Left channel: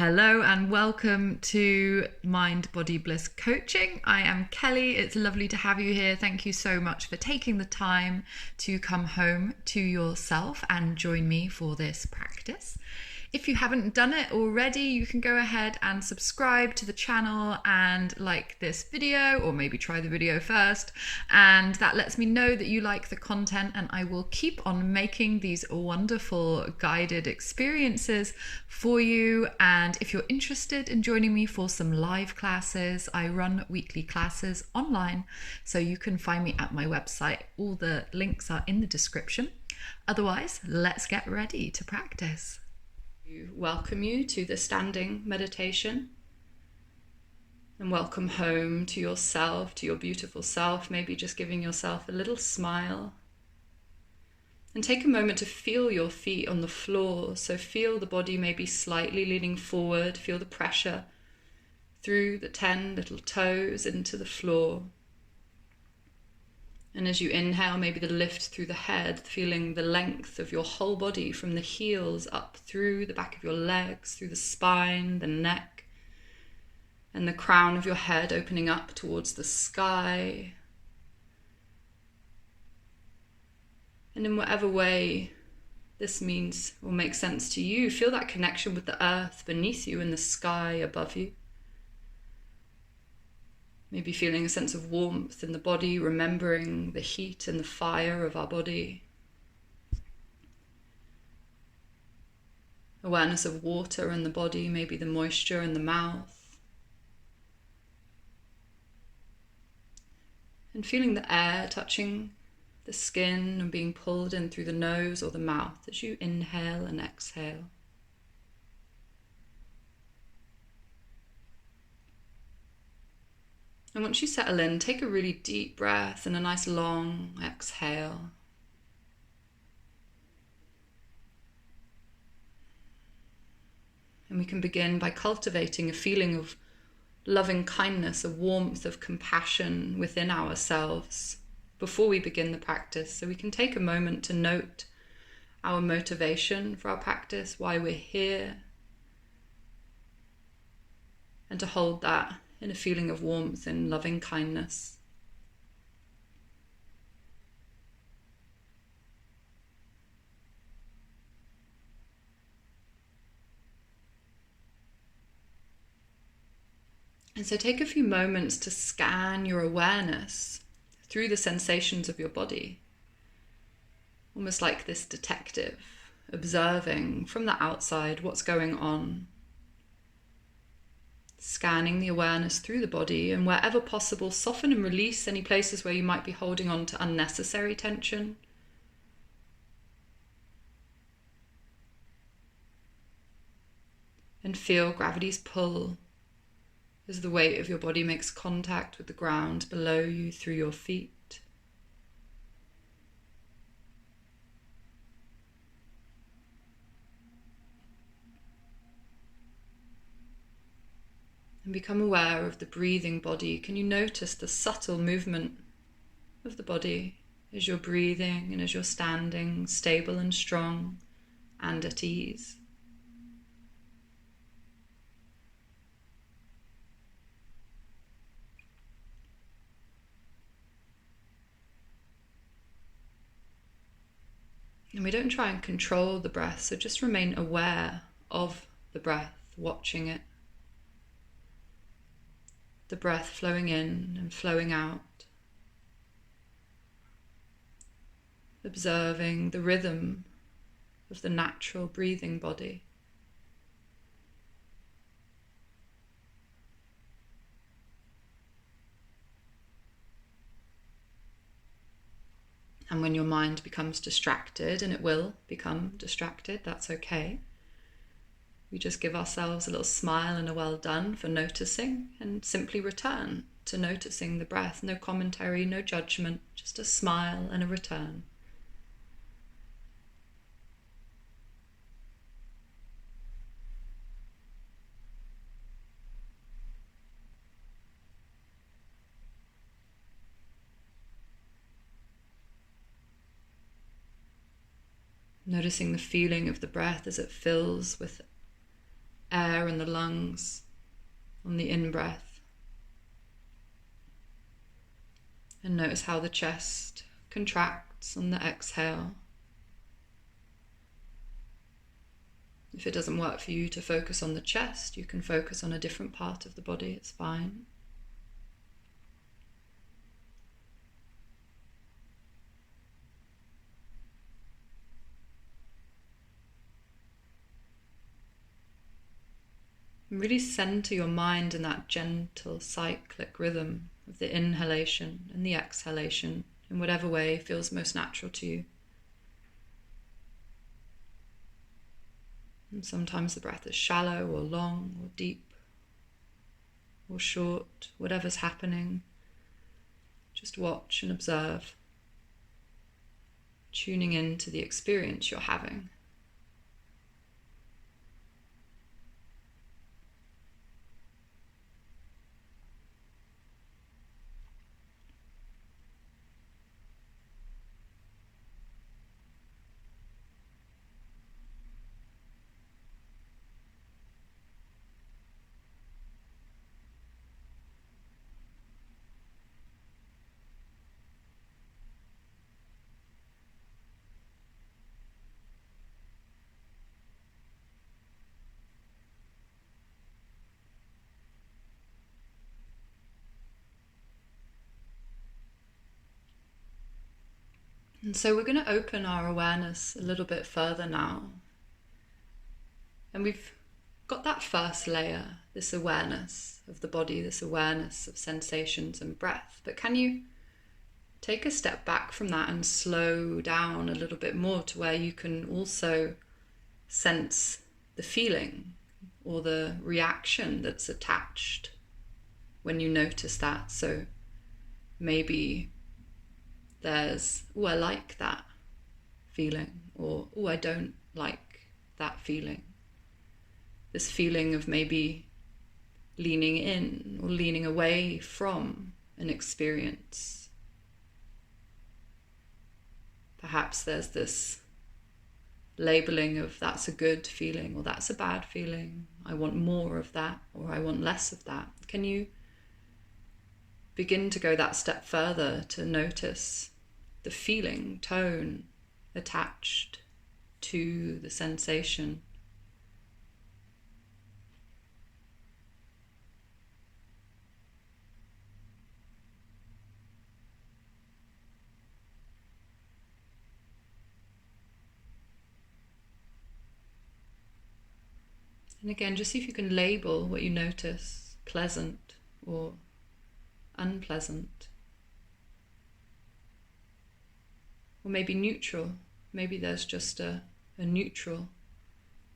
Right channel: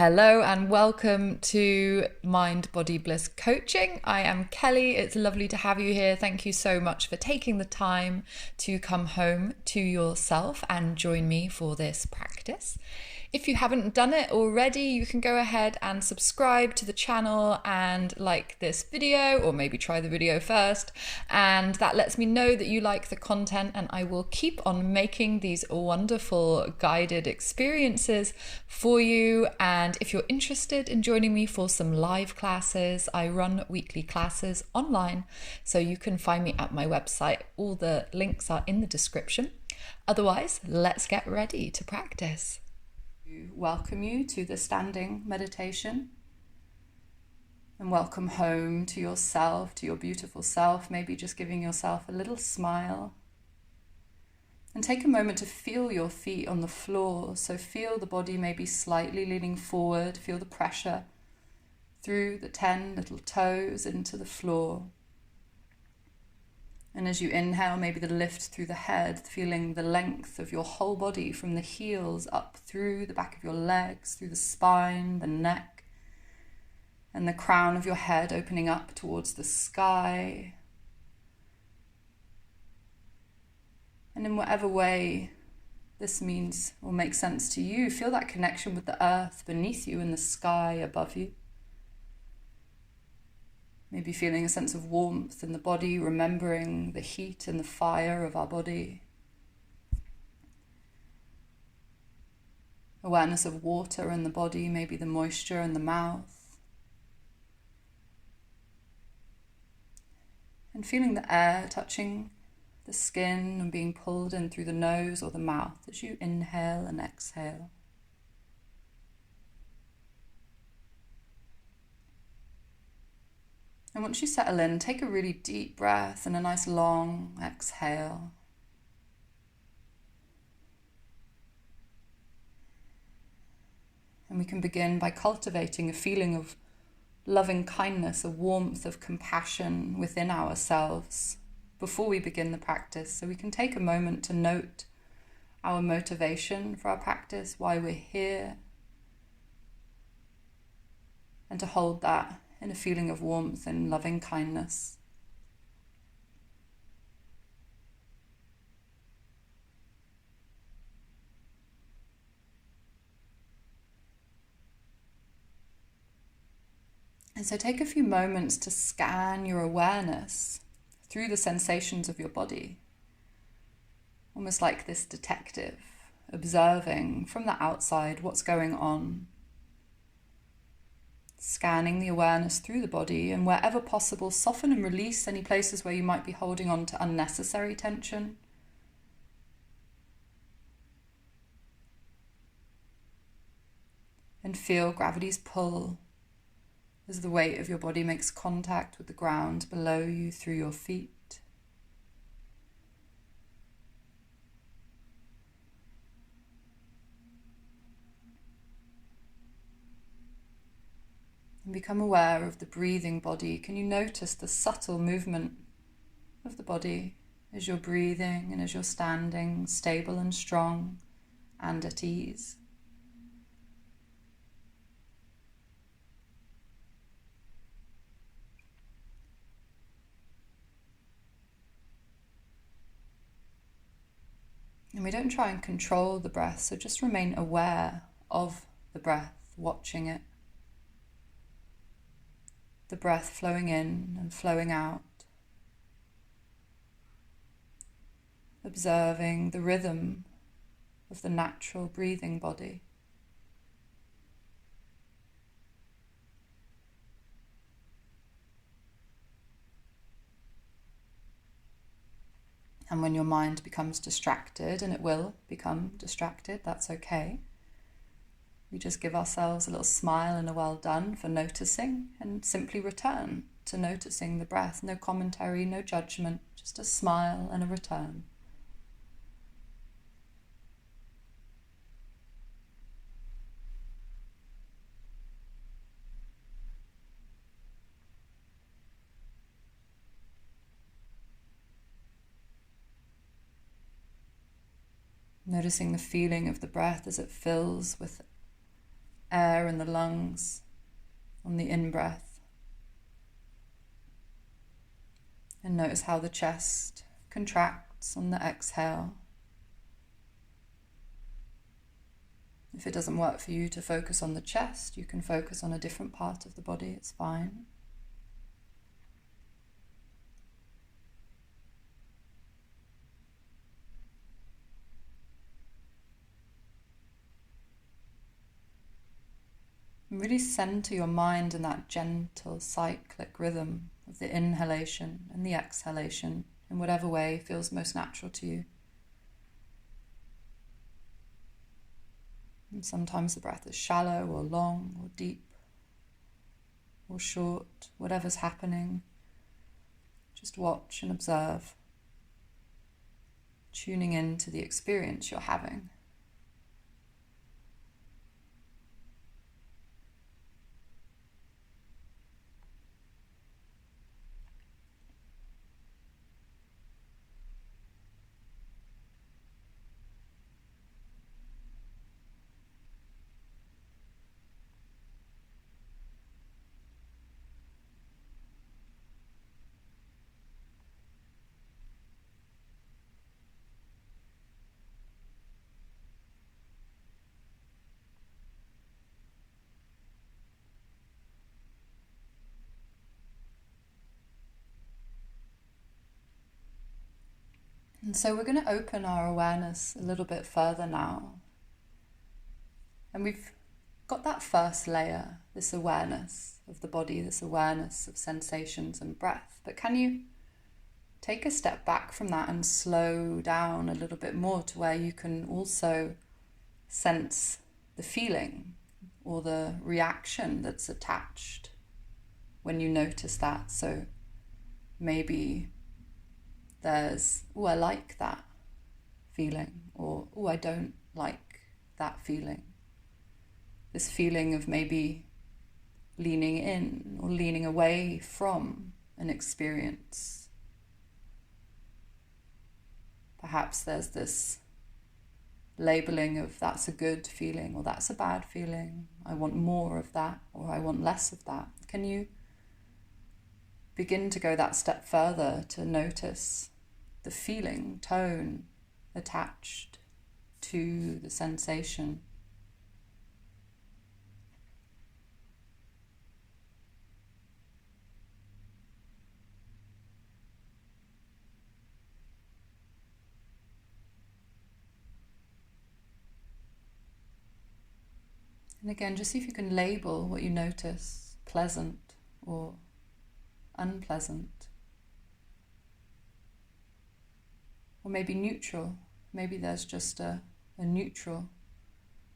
Hello and welcome to Mind Body Bliss Coaching. I am Kelley. It's lovely to have you here. Thank you so much for taking the time to come home to yourself and join me for this practice. If you haven't done it already, you can go ahead and subscribe to the channel and like this video, or maybe try the video first. And that lets me know that you like the content, and I will keep on making these wonderful guided experiences for you. And if you're interested in joining me for some live classes, I run weekly classes online, so you can find me at my website. All the links are in the description. Otherwise, let's get ready to practice. Welcome you to the standing meditation, and welcome home to yourself, to your beautiful self. Maybe just giving yourself a little smile, and take a moment to feel your feet on the floor. So feel the body maybe slightly leaning forward, feel the pressure through the 10 little toes into the floor. And as you inhale, maybe the lift through the head, feeling the length of your whole body from the heels up through the back of your legs, through the spine, the neck, and the crown of your head opening up towards the sky. And in whatever way this means or makes sense to you, feel that connection with the earth beneath you and the sky above you. Maybe feeling a sense of warmth in the body, remembering the heat and the fire of our body. Awareness of water in the body, maybe the moisture in the mouth. And feeling the air touching the skin and being pulled in through the nose or the mouth as you inhale and exhale. And once you settle in, take a really deep breath and a nice long exhale. And we can begin by cultivating a feeling of loving kindness, a warmth of compassion within ourselves before we begin the practice. So we can take a moment to note our motivation for our practice, why we're here, and to hold that in a feeling of warmth and loving kindness. And so take a few moments to scan your awareness through the sensations of your body, almost like this detective, observing from the outside what's going on. Scanning the awareness through the body, and wherever possible, soften and release any places where you might be holding on to unnecessary tension. And feel gravity's pull as the weight of your body makes contact with the ground below you through your feet. And become aware of the breathing body. Can you notice the subtle movement of the body as you're breathing and as you're standing, stable and strong and at ease? And we don't try and control the breath, so just remain aware of the breath, watching it. The breath flowing in and flowing out. Observing the rhythm of the natural breathing body. And when your mind becomes distracted, and it will become distracted, that's okay. We just give ourselves a little smile and a well done for noticing, and simply return to noticing the breath. No commentary, no judgment, just a smile and a return. Noticing the feeling of the breath as it fills with air air in the lungs on the in-breath. And notice how the chest contracts on the exhale. If it doesn't work for you to focus on the chest, you can focus on a different part of the body, it's fine. And really center your mind in that gentle cyclic rhythm of the inhalation and the exhalation in whatever way feels most natural to you. And sometimes the breath is shallow or long or deep or short, whatever's happening. Just watch and observe, tuning in to the experience you're having. And so we're going to open our awareness a little bit further now. And we've got that first layer, this awareness of the body, this awareness of sensations and breath. But can you take a step back from that and slow down a little bit more to where you can also sense the feeling or the reaction that's attached when you notice that? So maybe there's, oh, I like that feeling, or oh, I don't like that feeling. This feeling of maybe leaning in or leaning away from an experience. Perhaps there's this labeling of that's a good feeling or that's a bad feeling. I want more of that or I want less of that. Can you begin to go that step further to notice the feeling, tone attached to the sensation? And again, just see if you can label what you notice, pleasant or unpleasant. Or maybe neutral. Maybe there's just a neutral.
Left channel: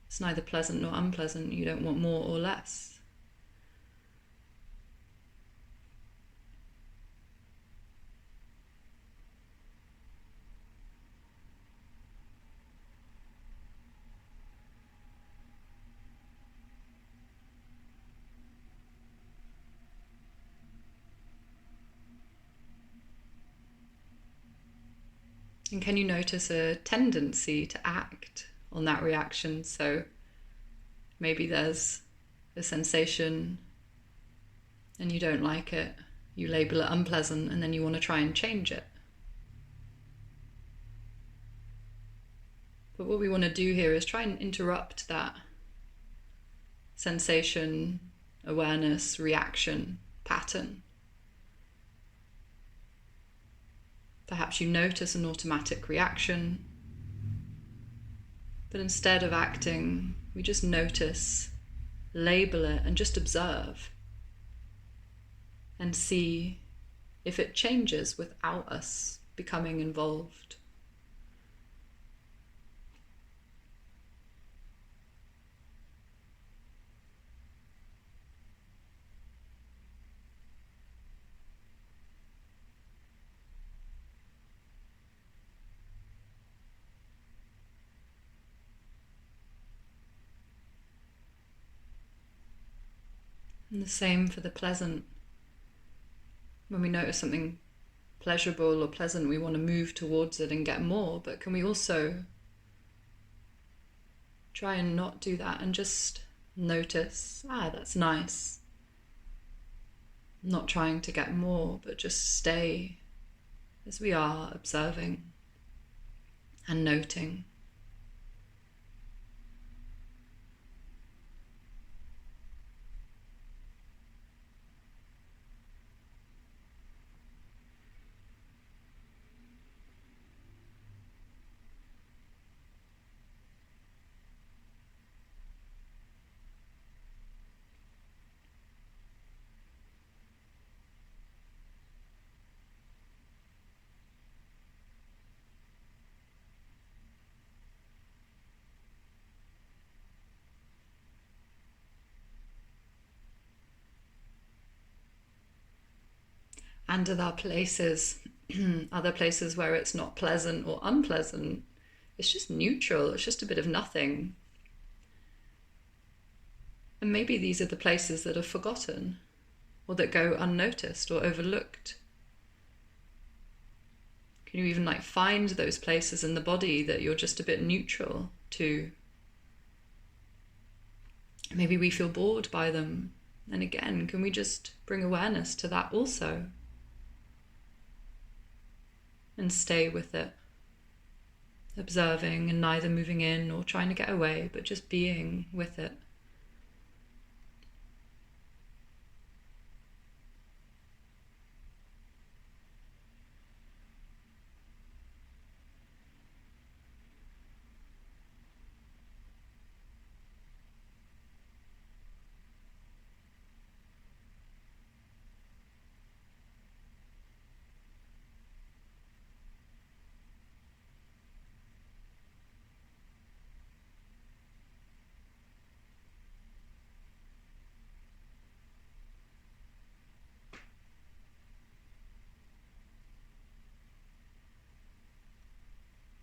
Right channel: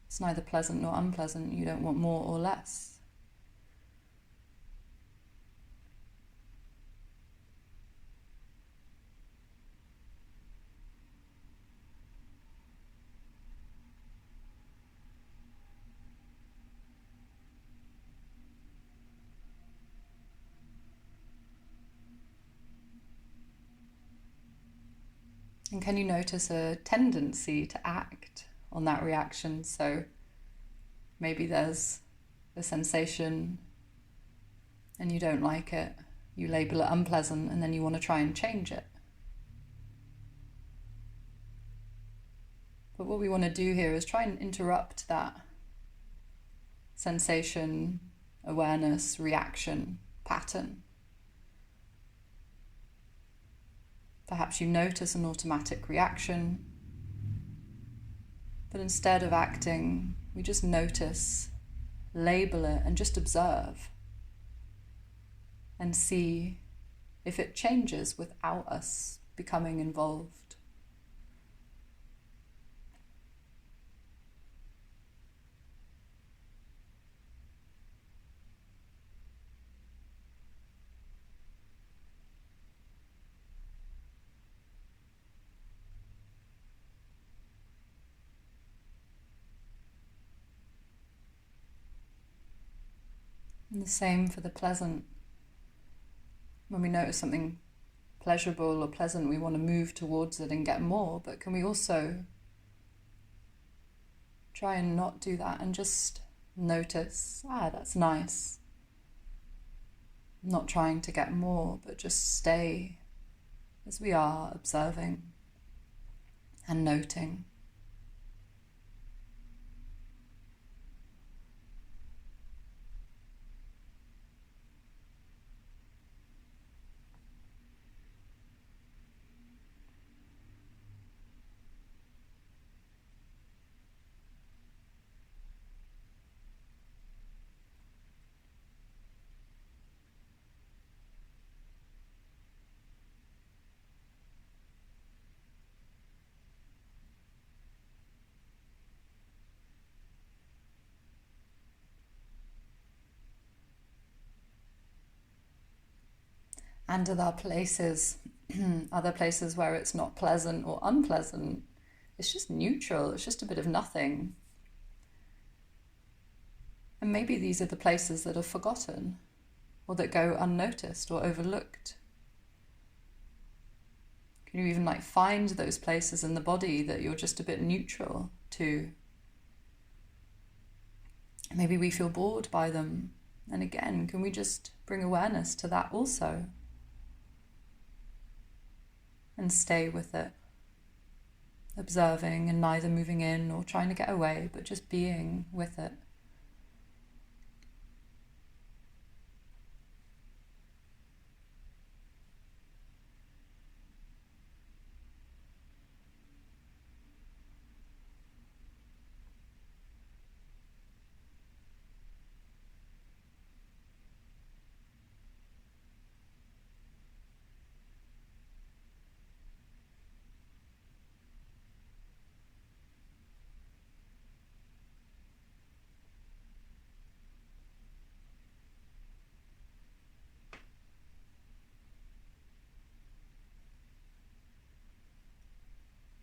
It's neither pleasant nor unpleasant. You don't want more or less. And can you notice a tendency to act on that reaction? So maybe there's a sensation and you don't like it. You label it unpleasant and then you want to try and change it. But what we want to do here is try and interrupt that sensation, awareness, reaction pattern. Perhaps you notice an automatic reaction, but instead of acting, we just notice, label it, and just observe and see if it changes without us becoming involved. And the same for the pleasant. When we notice something pleasurable or pleasant, we want to move towards it and get more, but can we also try and not do that and just Notice, that's nice. Not trying to get more, but just stay as we are, observing and noting. And are there places, other places where it's not pleasant or unpleasant? It's just neutral, it's just a bit of nothing. And maybe these are the places that are forgotten, or that go unnoticed or overlooked. Can you even find those places in the body that you're just a bit neutral to? Maybe we feel bored by them. And again, can we just bring awareness to that also? And stay with it, observing and neither moving in or trying to get away, but just being with it.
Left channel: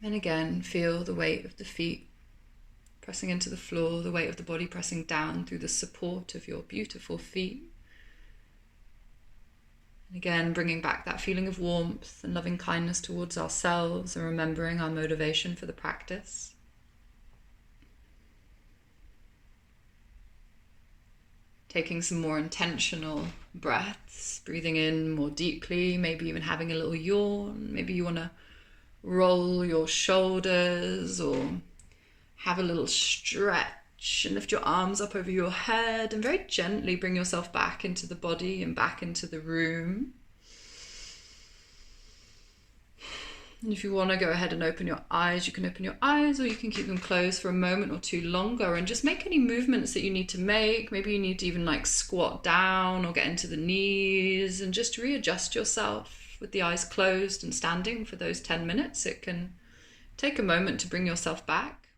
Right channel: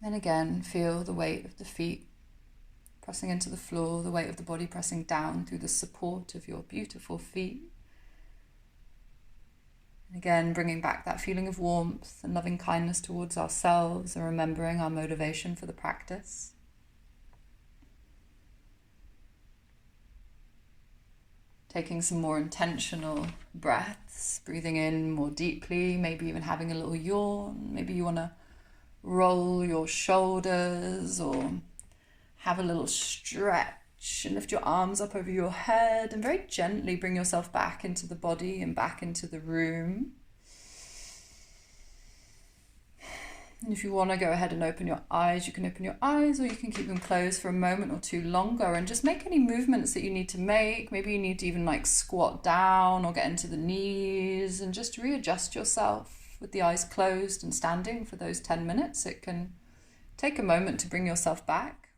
And again, feel the weight of the feet pressing into the floor, the weight of the body pressing down through the support of your beautiful feet. And again, bringing back that feeling of warmth and loving kindness towards ourselves and remembering our motivation for the practice. Taking some more intentional breaths, breathing in more deeply, maybe even having a little yawn. Maybe you want to roll your shoulders or have a little stretch and lift your arms up over your head and very gently bring yourself back into the body and back into the room. And if you want to go ahead and open your eyes, you can open your eyes, or you can keep them closed for a moment or two longer and just make any movements that you need to make. Maybe you need to even squat down or get into the knees and just readjust yourself with the eyes closed and standing for those 10 minutes. It can take a moment to bring yourself back.